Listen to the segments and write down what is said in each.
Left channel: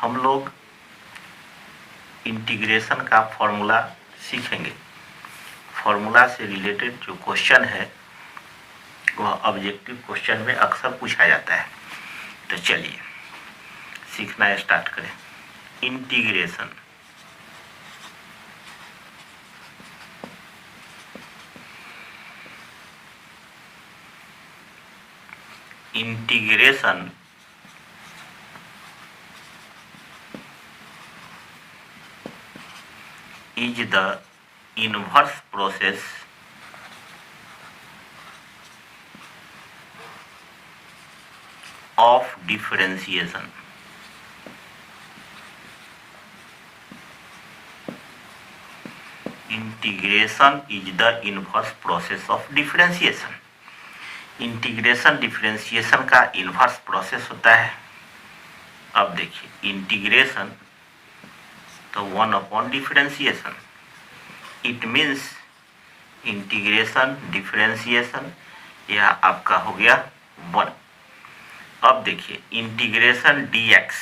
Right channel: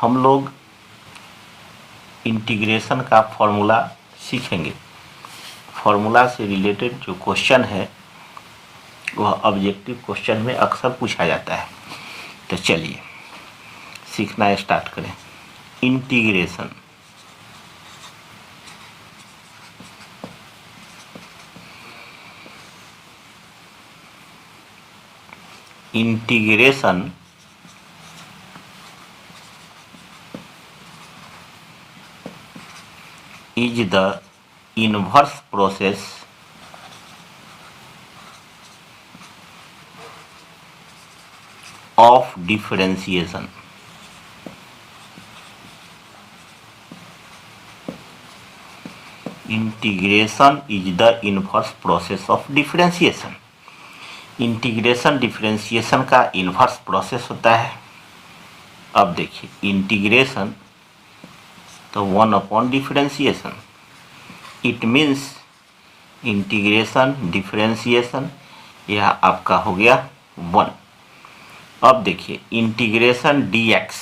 हम लोग इंटीग्रेशन का फॉर्मूला सीखेंगे। फॉर्मूला से रिलेटेड जो क्वेश्चन है वह ऑब्जेक्टिव क्वेश्चन में अक्सर पूछा जाता है। तो चलिए सीखना स्टार्ट करें। Integration integration is the inverse process of differentiation. Integration is the inverse process of differentiation. Integration differentiation का इन्वर्स प्रोसेस होता है। अब देखिए इंटीग्रेशन तो 1 upon differentiation, it means integration differentiation यह आपका हो गया 1। अब देखिए इंटीग्रेशन dx,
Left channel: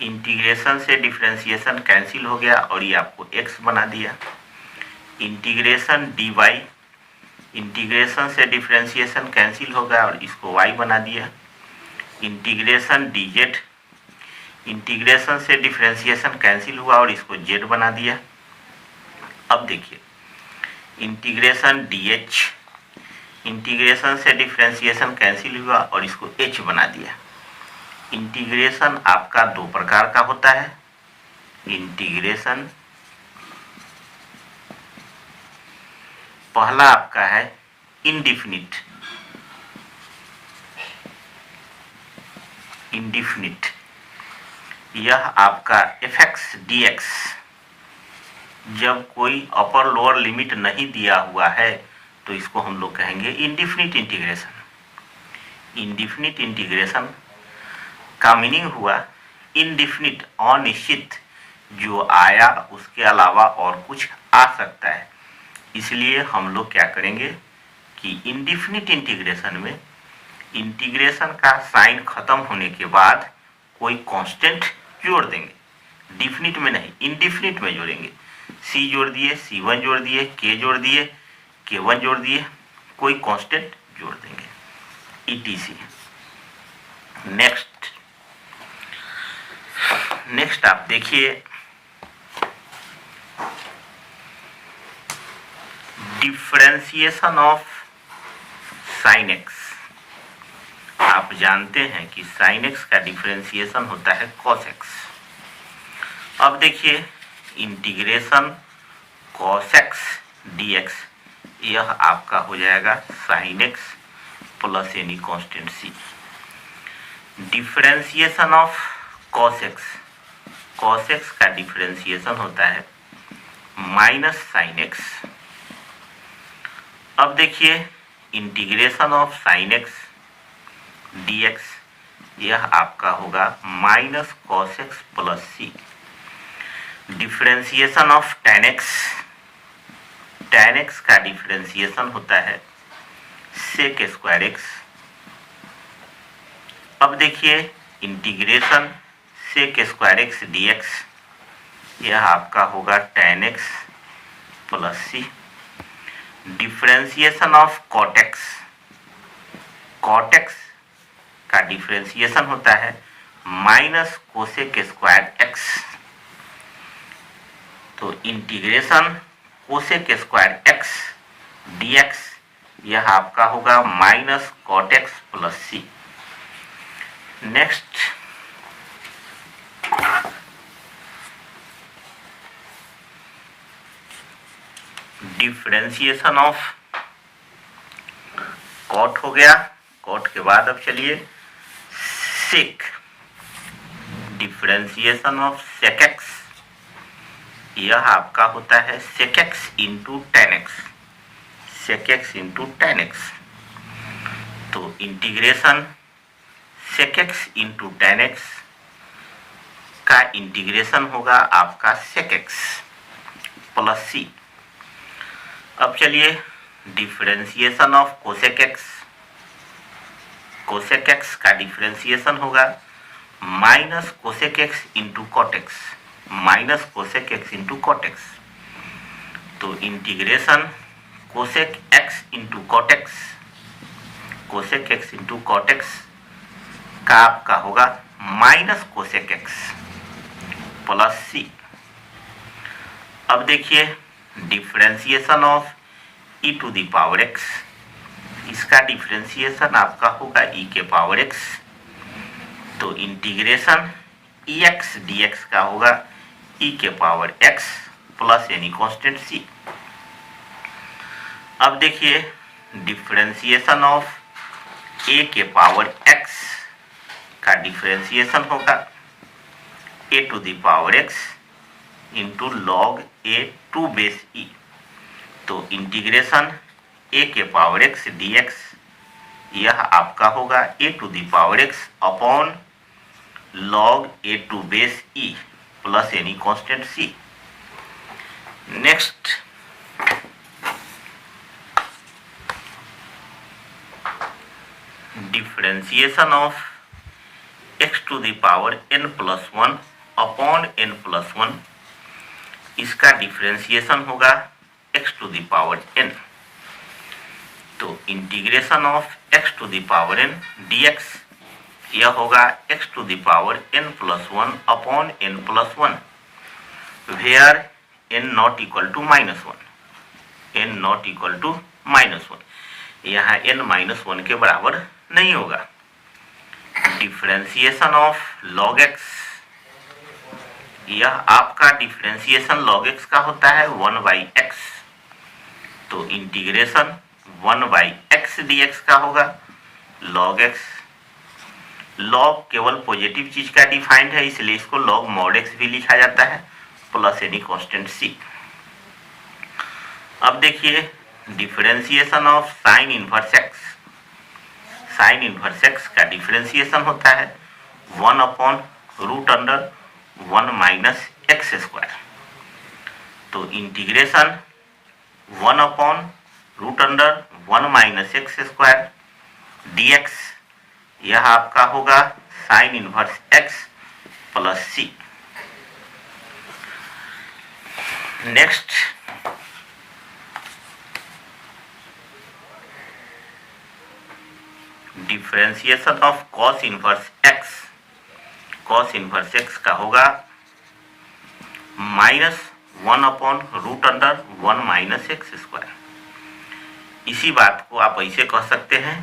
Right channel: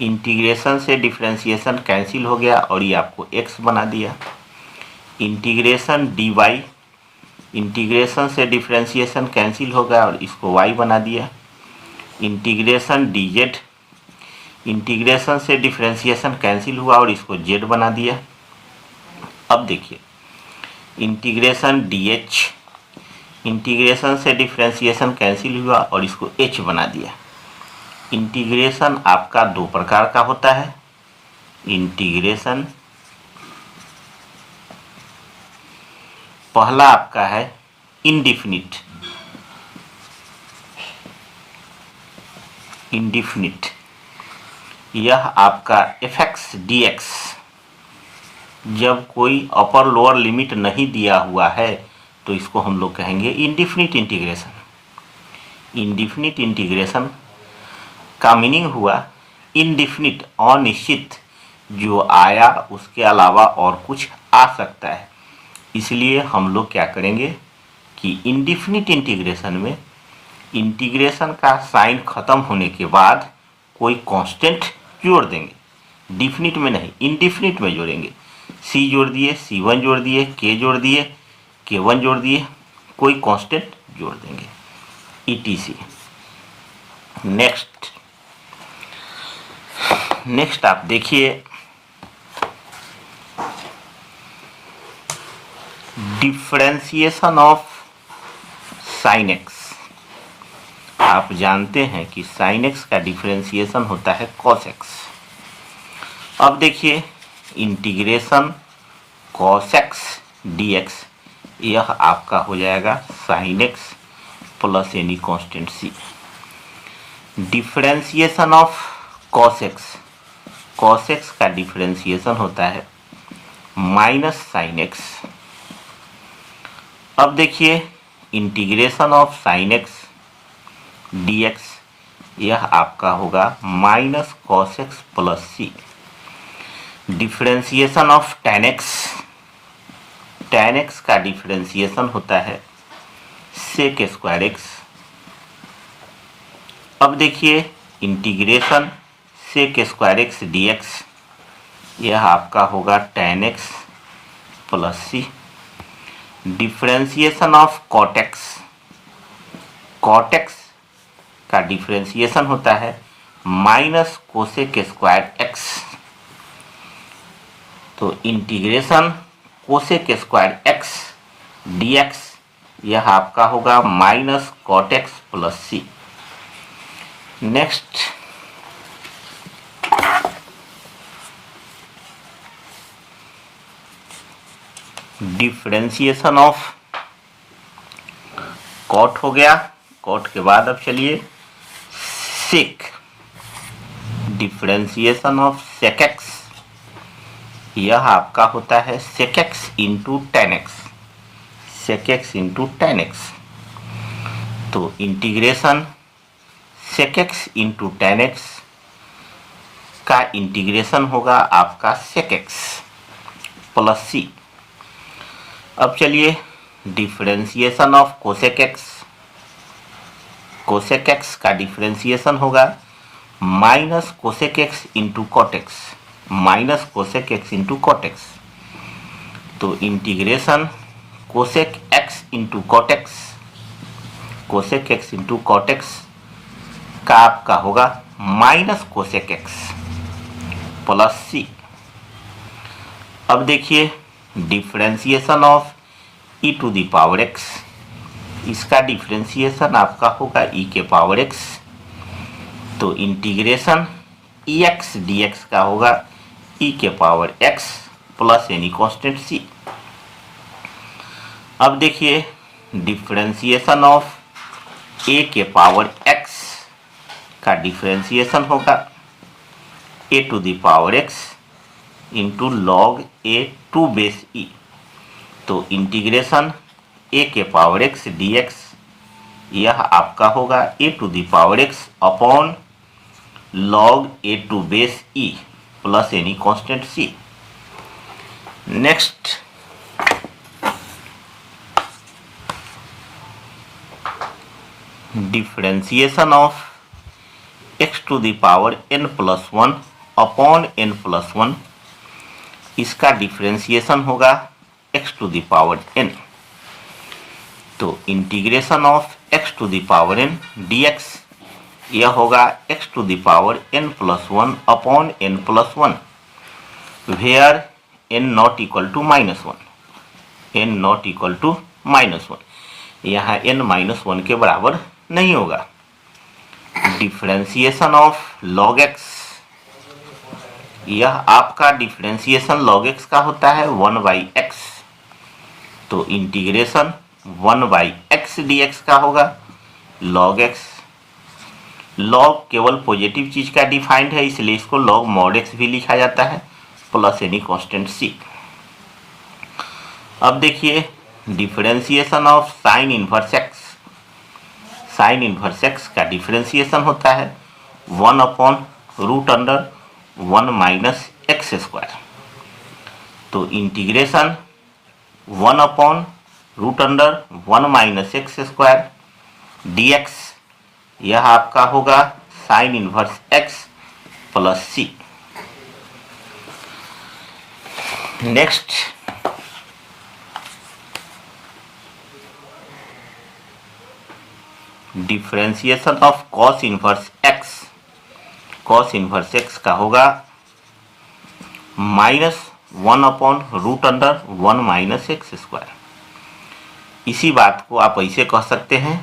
इंटीग्रेशन से डिफरेंशिएशन कैंसिल हो गया और ये आपको x बना दिया। इंटीग्रेशन dy, इंटीग्रेशन से डिफरेंशिएशन कैंसिल हो गया और इसको y बना दिया। इंटीग्रेशन dz, इंटीग्रेशन से डिफरेंशिएशन कैंसिल हुआ और इसको z बना दिया। अब देखिए इंटीग्रेशन dh, इंटीग्रेशन से डिफरेंशिएशन कैंसिल हुआ और इसको h बना दिया। इंटीग्रेशन आपका दो प्रकार का होता है। इंटीग्रेशन पहला आपका है इंडिफिनिट, यह आपका fx dx जब कोई अपर लोअर लिमिट नहीं दिया हुआ है तो इसको हम लोग कहेंगे इंडिफिनिट इंटीग्रेशन। इंडिफिनिट इंटीग्रेशन का मीनिंग हुआ इनडिफिनिट, अनिश्चित, जो आया उसके अलावा और कुछ आ सकता है। इसलिए हम लोग क्या करेंगे कि इंडिफिनिट इंटीग्रेशन में इंटीग्रेशन का साइन खत्म होने के बाद कोई कांस्टेंट जोड़ देंगे। डिफिनिट में नहीं, इंडिफिनिट में जोड़ेंगे। c जोड़ दिए, c1 जोड़ दिए, k जोड़ दिए, k1 जोड़ दिए, कोई कांस्टेंट जोड़ देंगे etc। नेक्स्ट आप देखिए डिफरेंशिएशन ऑफ साइन एक्स। आप जानते हैं कि साइन एक्स का डिफरेंशिएशन होता है कॉस एक्स। अब देखिए इंटीग्रेशन कॉस एक्स dx, यह आपका हो जाएगा sine x plus any constant c। Differentiation of cos x का डिफरेंशिएशन होता है माइनस साइन एक्स। अब देखिए integration of sine x dx, यह आपका होगा minus cos x plus C. Differentiation of tan x का डिफरेंशिएशन होता है सेक स्क्वायर एक्स। अब देखिए integration sec square x dx, यह आपका होगा tan x plus C. Differentiation of cot x का डिफरेंशिएशन होता है माइनस कोसेक स्क्वायर एक्स। तो integration cosec square x dx, यह आपका होगा minus cot x plus C. Next differentiation of cot हो गया। कॉट के बाद अब चलिए sec, differentiation of sec x, यह आपका होता है sec x into tan x, sec x into tan x. तो integration sec x into tan x का इंटीग्रेशन होगा आपका सेक एक्स प्लस सी। अब चलिए डिफरेंशिएशन ऑफ कोसेक एक्स का डिफरेंशिएशन होगा minus cosec x into cot x, minus cosec x into cot x. तो integration cosec x into cot x, cosec x into cot x का आपका होगा minus cosec x plus सी। अब देखिए differentiation of e to the power x, इसका differentiation आपका होगा e के पावर एक्स। तो integration e x d x का होगा ई के power x plus any constant C. अब देखिए डिफरेंशिएशन ऑफ ए के पावर एक्स का डिफरेंशिएशन होगा a to the power x into log a to base e. तो इंटीग्रेशन ए के पावर एक्स डी एक्स यह आपका होगा a to the power x upon log a to base e plus any constant C. Next differentiation of x to the power n plus one upon n plus one, इसका differentiation होगा x to the power n। तो integration of x to the power n dx यह होगा x to the power n plus one upon n plus one, where n not equal to minus one, n not equal to minus one, यहाँ n minus one के बराबर नहीं होगा। Differentiation of log x, यह आपका differentiation log x का होता है 1/x। तो इंटीग्रेशन 1/x dx का होगा log x। log केवल पॉजिटिव चीज का डिफाइंड है, इसलिए इसको log mod x भी लिखा जाता है प्लस एनी कांस्टेंट c। अब देखिए differentiation of sine inverse x, sine inverse x का डिफरेंशिएशन होता है 1 upon root under 1 minus x square. तो integration 1 upon root under 1 minus x square dx यह आपका होगा sine inverse x plus C. Next differentiation of cos inverse x, cos inverse x का होगा -1 upon root under 1 minus x square. इसी बात को आप ऐसे कह सकते हैं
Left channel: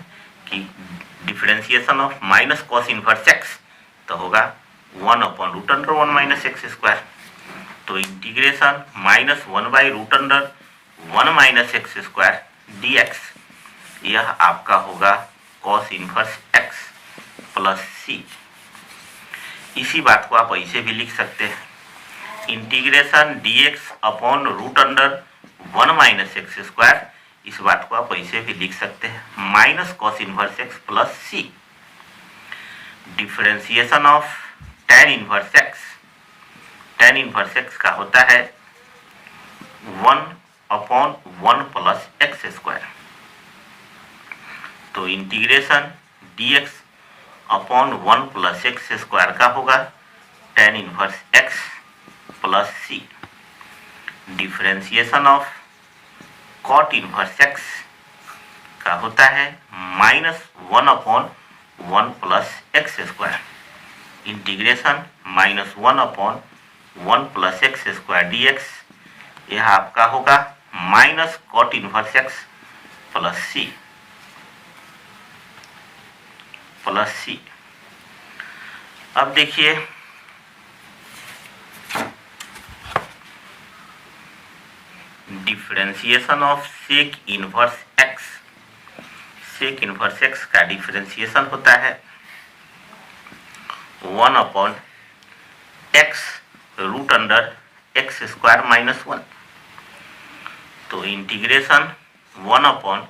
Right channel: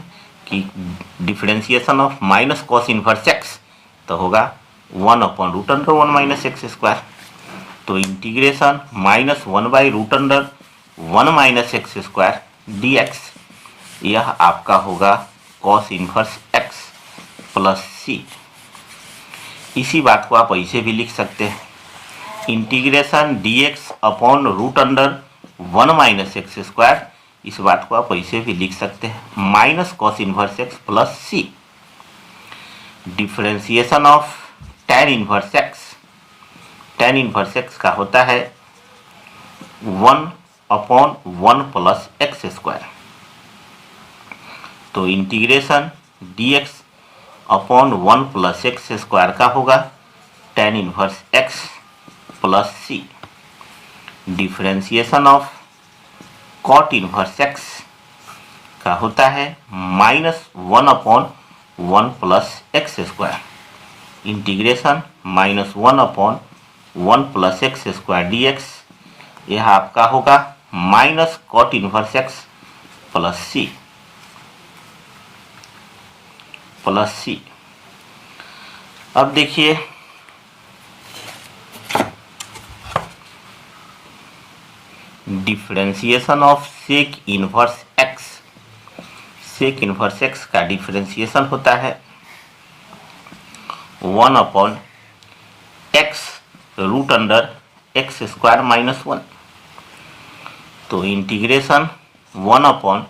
कि differentiation of minus cos inverse x तो होगा 1 upon root under 1 minus x square. तो integration -1 by root under 1 minus x square dx यह आपका होगा cos inverse x plus C. इसी बात को आप ऐसे भी लिख सकते हैं integration dx upon root under 1 minus x square, इस बात को आप ऐसे भी लिख सकते हैं minus cos inverse x plus C. Differentiation of tan inverse x, tan inverse x का होता है 1 अपॉन 1 प्लस एक्स स्क्वायर। तो integration dx upon 1 plus x square का होगा tan inverse x plus C. Differentiation of cot inverse x का होता है -1 upon 1 plus x square. Integration -1 upon 1 plus x square dx यह आपका होगा minus cot inverse x plus C, plus सी। अब देखिए differentiation of sec inverse x, sec inverse x का differentiation होता है 1 upon x root under x square minus 1। तो integration 1 upon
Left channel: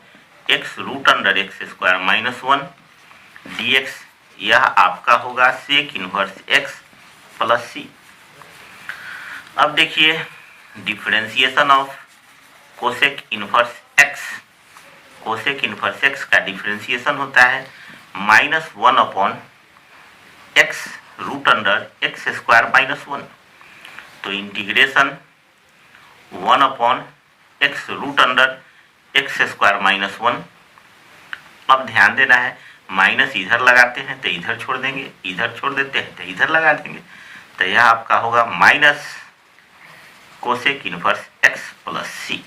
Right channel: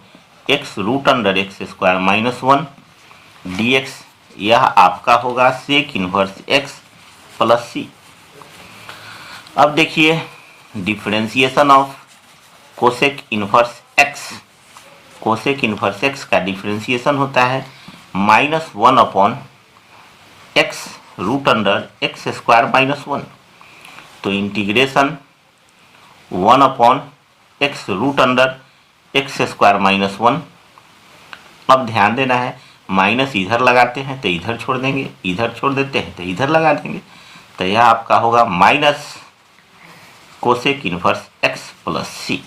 x root under x square minus 1 dx यह आपका होगा sec inverse x plus सी। अब देखिए differentiation of cosec inverse x, cosec inverse x का डिफरेंशिएशन होता है -1 upon x root under x square minus 1। तो integration 1 upon x root under x square minus 1। अब ध्यान देना है, माइनस इधर लगाते हैं तो इधर छोड़ देंगे, इधर छोड़ देते हैं तो इधर लगा देंगे। तो यह आपका होगा minus cosec inverse x plus C.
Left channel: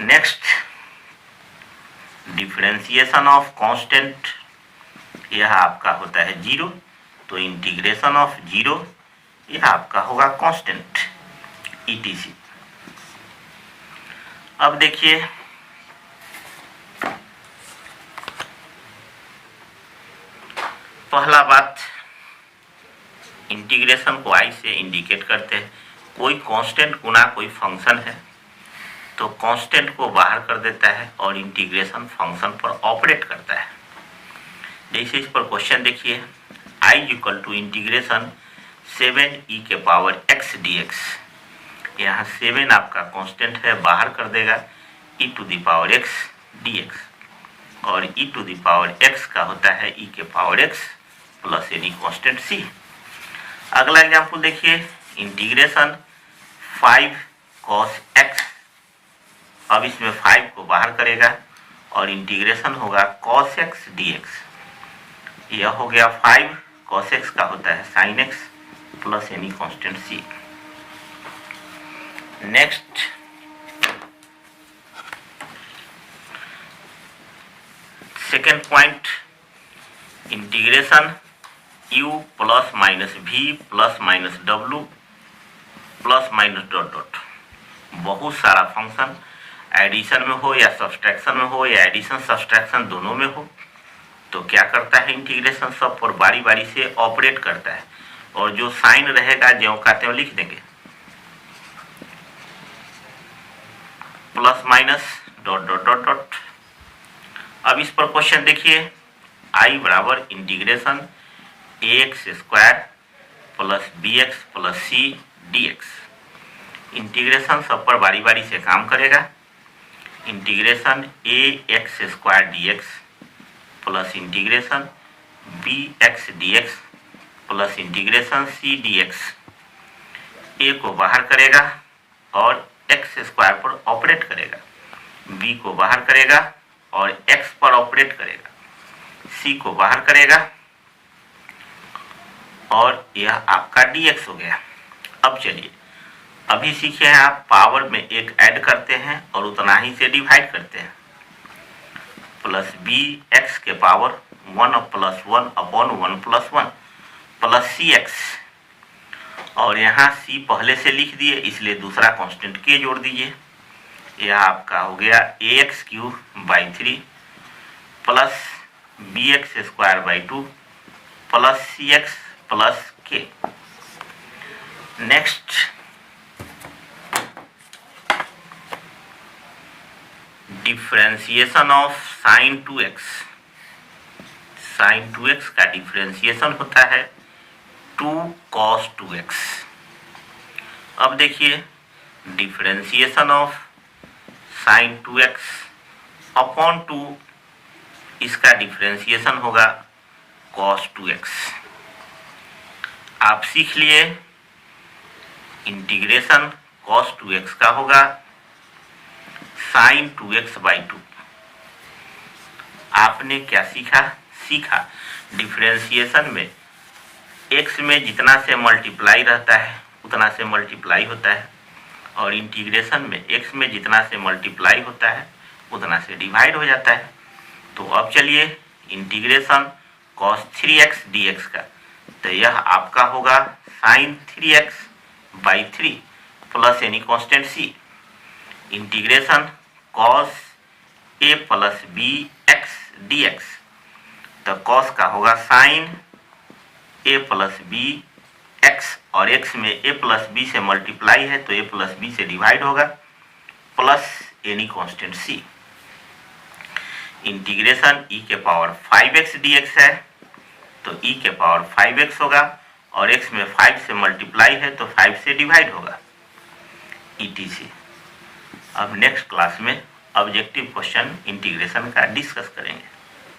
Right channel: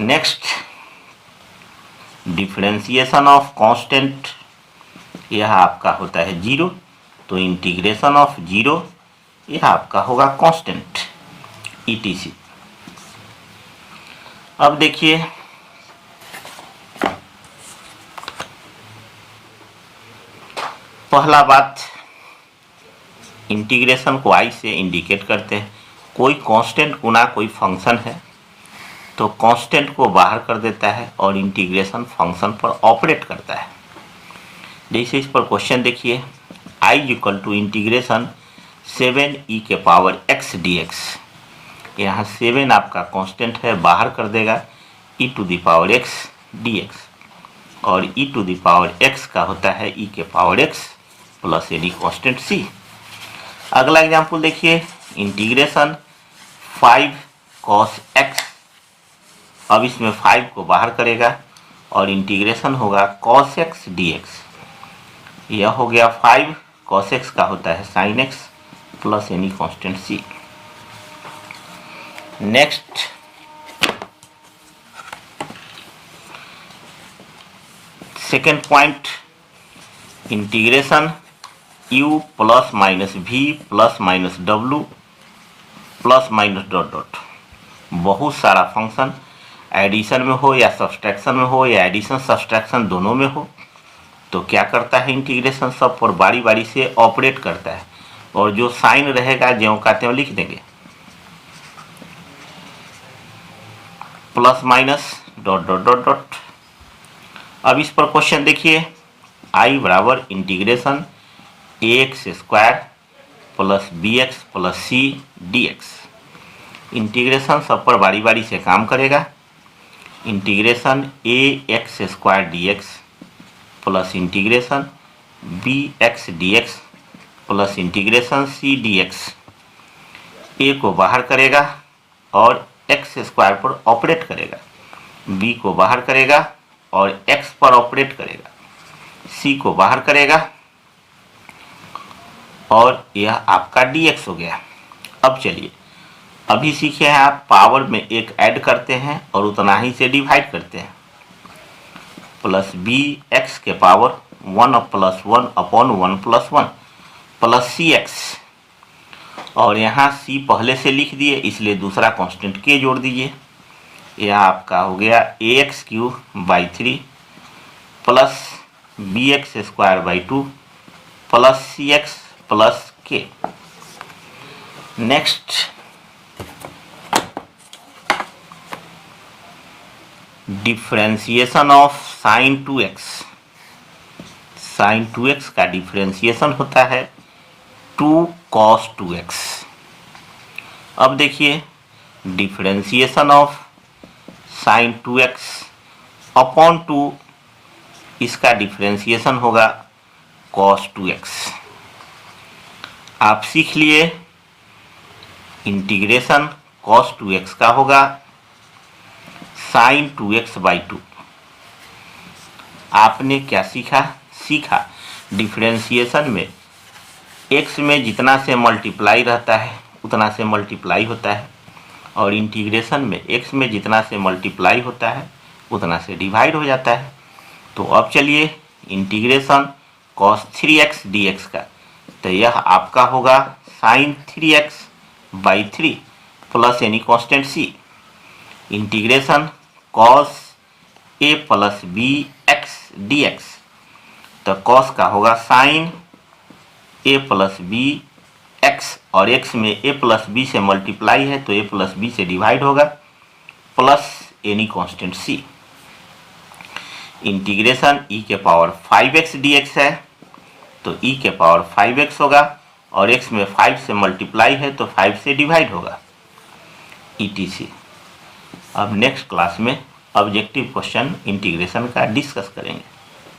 Next, differentiation of constant, यह आपका होता है 0। तो इंटीग्रेशन ऑफ 0 यह आपका होगा कांस्टेंट ETC। अब देखिए पहला बात, इंटीग्रेशन को आई से इंडिकेट करते हैं। कोई कांस्टेंट गुना कोई फंक्शन है तो कांस्टेंट को बाहर कर देता है और इंटीग्रेशन फंक्शन पर ऑपरेट करता है। जैसे इस पर क्वेश्चन देखिए, i equal to integration 7e के पावर x dx। यहाँ 7 आपका कांस्टेंट है, बाहर कर देगा e to the power x dx, और e to the power x का होता है e के power x plus any constant c। अगला एग्जाम्पल देखिए, इंटीग्रेशन 5 cos x। अब इसमें 5 को बाहर करेगा और इंटीग्रेशन होगा cos x dx। यह हो गया 5 cos x का होता है sin x plus any constant c। Next, second point, integration u plus minus v plus minus w plus minus dot dot. बहुत सारा फंक्शन एडिशन में हो या सब्सट्रैक्शन में हो या एडिशन सब्सट्रैक्शन दोनों में हो तो क्या करता है, इंटीग्रेशन सब पर बारी बारी से ऑपरेट करता है, और जो साइन रहेगा ज्यों का त्यों लिख देंगे, plus minus dot dot dot dot. अब इस पर क्वेश्चन देखिए, i बराबर integration ax square plus bx plus c dx। Integration सब पर बारी बारी से काम करेगा। Integration ax square dx plus integration bx dx plus integration c dx। a को बाहर करेगा और x स्क्वायर पर ऑपरेट करेगा, b को बाहर करेगा और x पर ऑपरेट करेगा, c को बाहर करेगा और यह आपका dx हो गया। अब चलिए, अभी सीखे हैं आप, पावर में एक ऐड करते हैं और उतना ही से डिवाइड करते हैं। प्लस बी एक्स के power 1 plus 1 upon 1 plus 1 plus C x, और यहाँ c पहले से लिख दिए इसलिए दूसरा कांस्टेंट k जोड़ दीजिए। यह आपका हो गया ax cube by 3 plus bx square by 2 plus cx plus k। Next, differentiation of sine 2x। Sine 2x का डिफरेंशिएशन होता है 2 cos 2x। अब देखिए, differentiation of sine 2x upon 2, इसका डिफरेंशिएशन होगा cos 2x। आप सीख लिए, इंटीग्रेशन cos 2x का होगा साइन 2x बाई 2। आपने क्या सीखा? डिफरेंशिएशन में x में जितना से मल्टीप्लाई रहता है उतना से मल्टीप्लाई होता है, और इंटीग्रेशन में x में जितना से मल्टीप्लाई होता है उतना से डिवाइड हो जाता है। तो अब चलिए, इंटीग्रेशन cos 3x dx का, तो यह आपका होगा sine 3x by 3 plus any constant c। Integration cos a plus b x dx, तो cos का होगा sine a plus b x, और x में a प्लस b से मल्टीप्लाई है तो a प्लस b से डिवाइड होगा, plus any constant c। Integration e के पावर 5x dx है तो e के पावर 5x होगा, और x में 5 से मल्टीप्लाई है तो 5 से डिवाइड होगा, etc। अब नेक्स्ट क्लास में ऑब्जेक्टिव क्वेश्चन इंटीग्रेशन का डिस्कस करेंगे।